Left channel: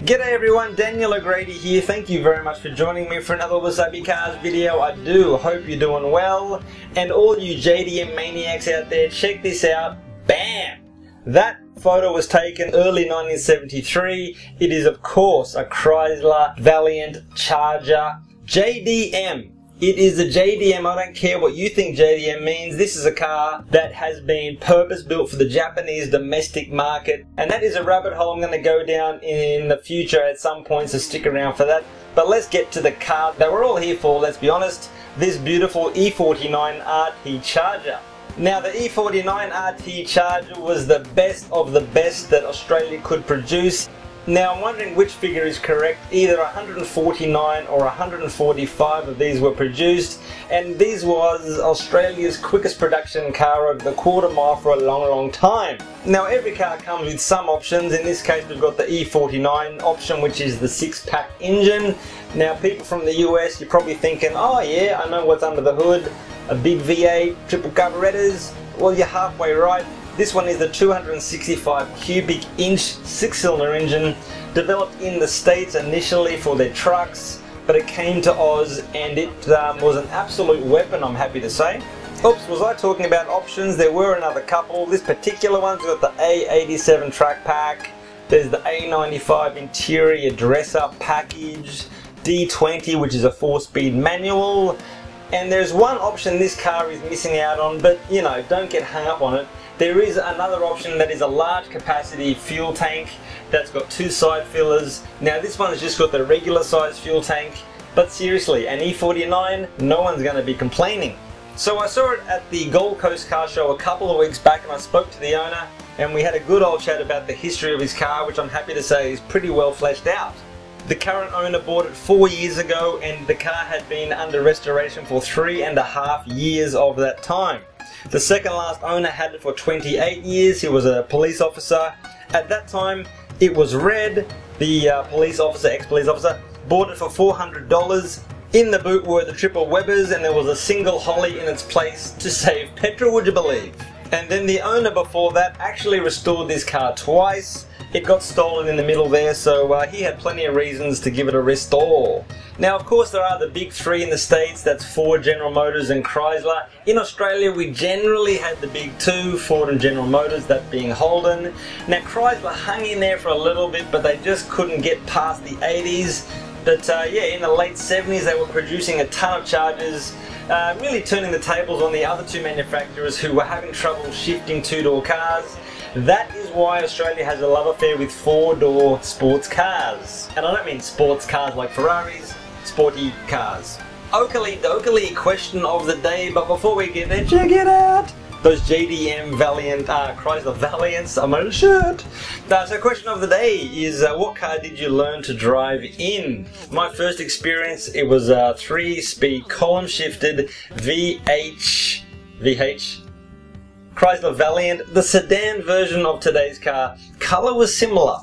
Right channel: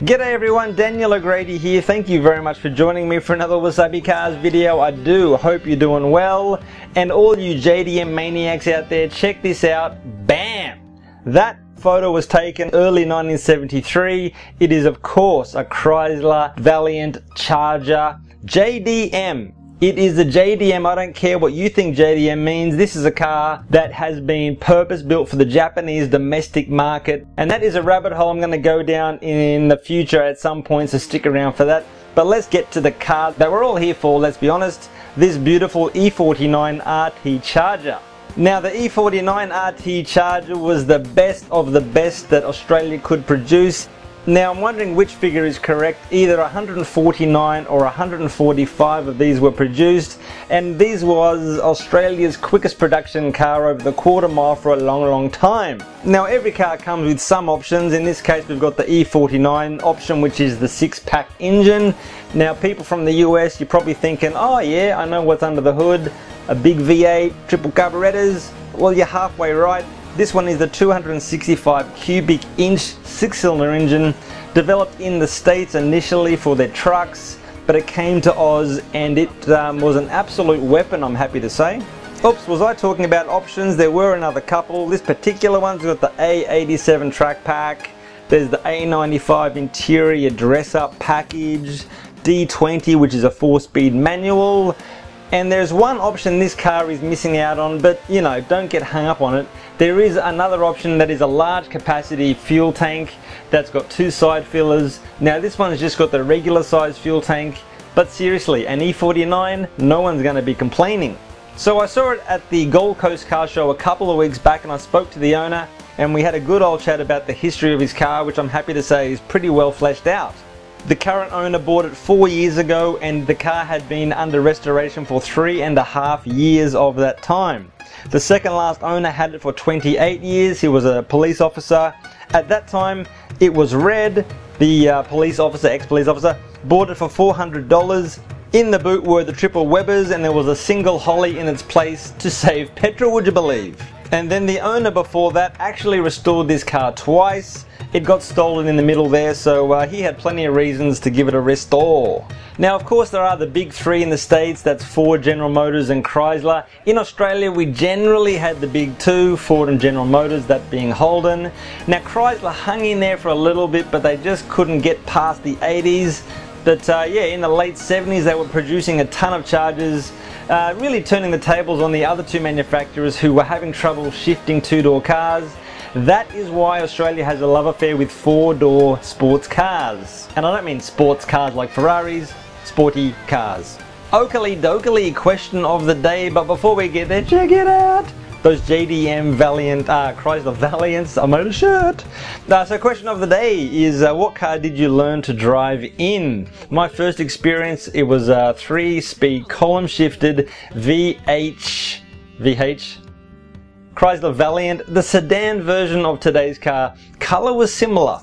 G'day everyone, Daniel O'Grady here. Thank you very much for joining me for another WasabiCars video. I do hope you're doing well. And all you JDM maniacs out there, check this out. Bam! That photo was taken early 1973. It is of course a Chrysler Valiant Charger JDM. It is a JDM. I don't care what you think JDM means. This is a car that has been purpose built for the Japanese domestic market, and that is a rabbit hole I'm going to go down in the future at some point, so stick around for that. But let's get to the car that we're all here for, let's be honest. This beautiful E49 RT Charger. Now the E49 RT Charger was the best of the best that Australia could produce. Now I'm wondering which figure is correct. Either 149 or 145 of these were produced, and this was Australia's quickest production car over the quarter mile for a long time. Now every car comes with some options. In this case we've got the E49 option, which is the 6-pack engine. Now people from the US, you're probably thinking, oh yeah, I know what's under the hood, a big V8, triple carburetors. Well, you're halfway right. This one is the 265 cubic inch 6-cylinder engine, developed in the States initially for their trucks, but it came to Oz and it was an absolute weapon, I'm happy to say. Oops, was I talking about options? There were another couple. This particular one's got the A87 track pack, there's the A95 interior dress-up package, D20 which is a 4-speed manual, and there's one option this car is missing out on, but you know, don't get hung up on it. There is another option that is a large capacity fuel tank that's got 2 side fillers. Now this one has just got the regular size fuel tank, but seriously, an E49, no one's going to be complaining. So I saw it at the Gold Coast car show a couple of weeks back, and I spoke to the owner and we had a good old chat about the history of his car, which I'm happy to say is pretty well fleshed out. The current owner bought it 4 years ago, and the car had been under restoration for 3.5 years of that time. The second last owner had it for 28 years. He was a police officer. At that time it was red. The police officer, ex-police officer, bought it for $400. In the boot were the triple Webers, and there was a single Holly in its place to save petrol, would you believe? And then the owner before that actually restored this car twice. It got stolen in the middle there, so he had plenty of reasons to give it a restore. Now of course there are the big three in the States, that's Ford, General Motors and Chrysler. In Australia we generally had the big two, Ford and General Motors, that being Holden. Now Chrysler hung in there for a little bit, but they just couldn't get past the 80s. But yeah, in the late 70s they were producing a ton of Chargers, really turning the tables on the other two manufacturers who were having trouble shifting two-door cars. That is why Australia has a love affair with 4-door sports cars. And I don't mean sports cars like Ferraris, sporty cars. Oakley dokley, question of the day, but before we get there, check it out! Those JDM Valiant, Chrysler Valiants, I'm on a shirt. So question of the day is, what car did you learn to drive in? My first experience, it was a 3-speed column shifted VH Chrysler Valiant, the sedan version of today's car. Colour was similar.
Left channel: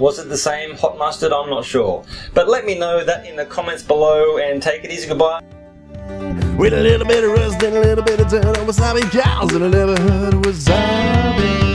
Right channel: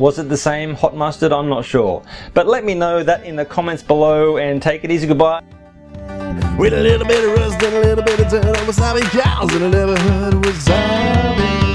Was it the same? Hot mustard? I'm not sure. But let me know that in the comments below, and take it easy, goodbye. With a little bit of rust and a little bit of turn on WasabiCars, and I never heard of wasabi.